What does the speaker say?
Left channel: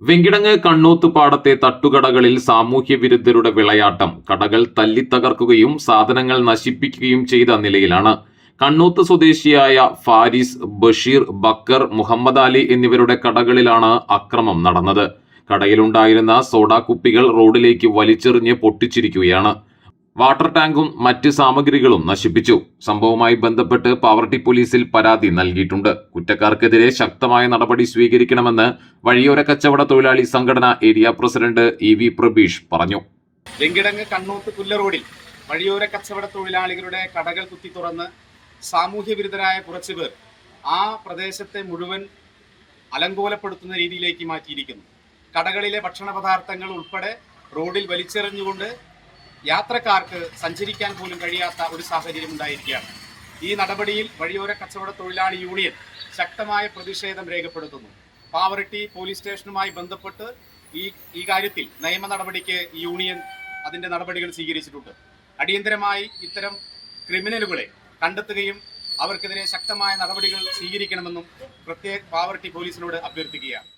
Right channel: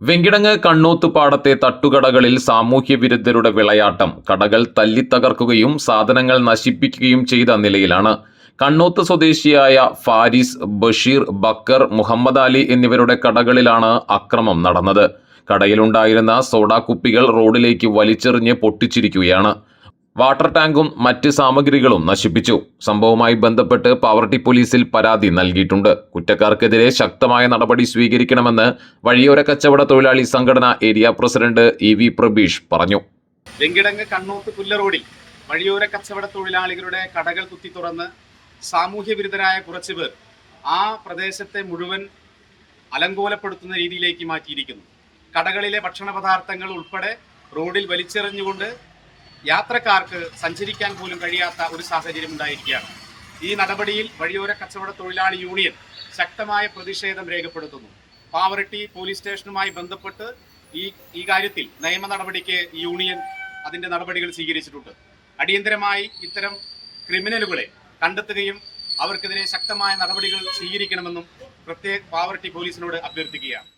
വെങ്കിടങ്ങ് കണ്ണൂത്തുപാടത്തെ തട്ടുകടകളിൽ സാമൂഹ്യ വിരുദ്ധരുടെ വിളയാട്ടം. കടകൾ തല്ലിത്തകർക്കുകയും സാധനങ്ങൾ നശിപ്പിക്കുകയും ചെയ്ത നിലയിലാണ്. കണ്ണൂത്ത് സ്വദേശിയായ ഫാരിസ്, ബഷീർ, ബക്കർ, മുഹമ്മദ് അലി എന്നിവരുടെ കടകളിലാണ് അക്രമം നടന്നത്. കടയിലുണ്ടായിരുന്ന സോഡാ കുപ്പികൾ റോഡിലേക്ക് വലിച്ചെറിഞ്ഞ് പൊട്ടിച്ചിരിക്കുകയാണ്. വാട്ടർ ടാങ്കും മറ്റ് സാമഗ്രികളും നശിപ്പിച്ചു. സംഭവവുമായി ബന്ധപ്പെട്ട് പാവർട്ടി പോലീസിൽ പരാതി നൽകിയിട്ടുണ്ട്. കുറ്റക്കാർക്കെതിരെ ശക്തമായ നടപടി സ്വീകരിക്കണമെന്ന് വഴിയോര കച്ചവട തൊഴിലാളി സംഘടന ഏരിയ പ്രസിഡന്റ് EV പ്രബീഷ് പറഞ്ഞു. വെങ്കിടങ്ങ് കണ്ണൂത്ത് പുല്ലറോഡിൽ വഴിയോര കച്ചവട തൊഴിലാളികളുടെ കടകൾ കുത്തി തുറന്ന് സാമൂഹ്യ വിരുദ്ധരായ കുറച്ചുപേർ ആ പ്രദേശത്തെ മുഴുവൻ അലങ്കോലപ്പെടുത്തുന്ന രീതിയിലേക്ക് മാറ്റിയിരിക്കുന്നു. കടകളിലെ ഭക്ഷണ പദാർത്ഥങ്ങൾ ഉൾപ്പെടെ റോഡിൽ വലിച്ചെറിഞ്ഞുകൊണ്ട് യാത്രക്കാർക്ക് സഞ്ചരിക്കാൻ പോലും കഴിയാത്ത ഒരു സാഹചര്യം ഉണ്ടായിരിക്കുകയാണ്. ഈ നടപടിയിൽ വഴിയോര കച്ചവട തൊഴിലാളി യൂണിയൻ ശക്തമായ പ്രതിഷേധം രേഖപ്പെടുത്തുന്നു. പാവറട്ടി പോലീസ് സ്റ്റേഷനുമായി ബന്ധപ്പെട്ട് ഈ കാര്യത്തിൽ നിയമ നടപടിക്ക് യൂണിയൻ അതിന്റെ നടപടികൾ സ്വീകരിച്ചിട്ടുണ്ട്. അടിയന്തരമായി ഇത്തരം ക്രിമിനലുകളെ കണ്ടെത്തുകയും അവർക്കെതിരെ ശക്തമായ നടപടികൾ സ്വീകരിക്കണമെന്നും പ്രത്യേക പാവറട്ടി പോലീസിനോട് അഭ്യർത്ഥിക്കുകയാണ്.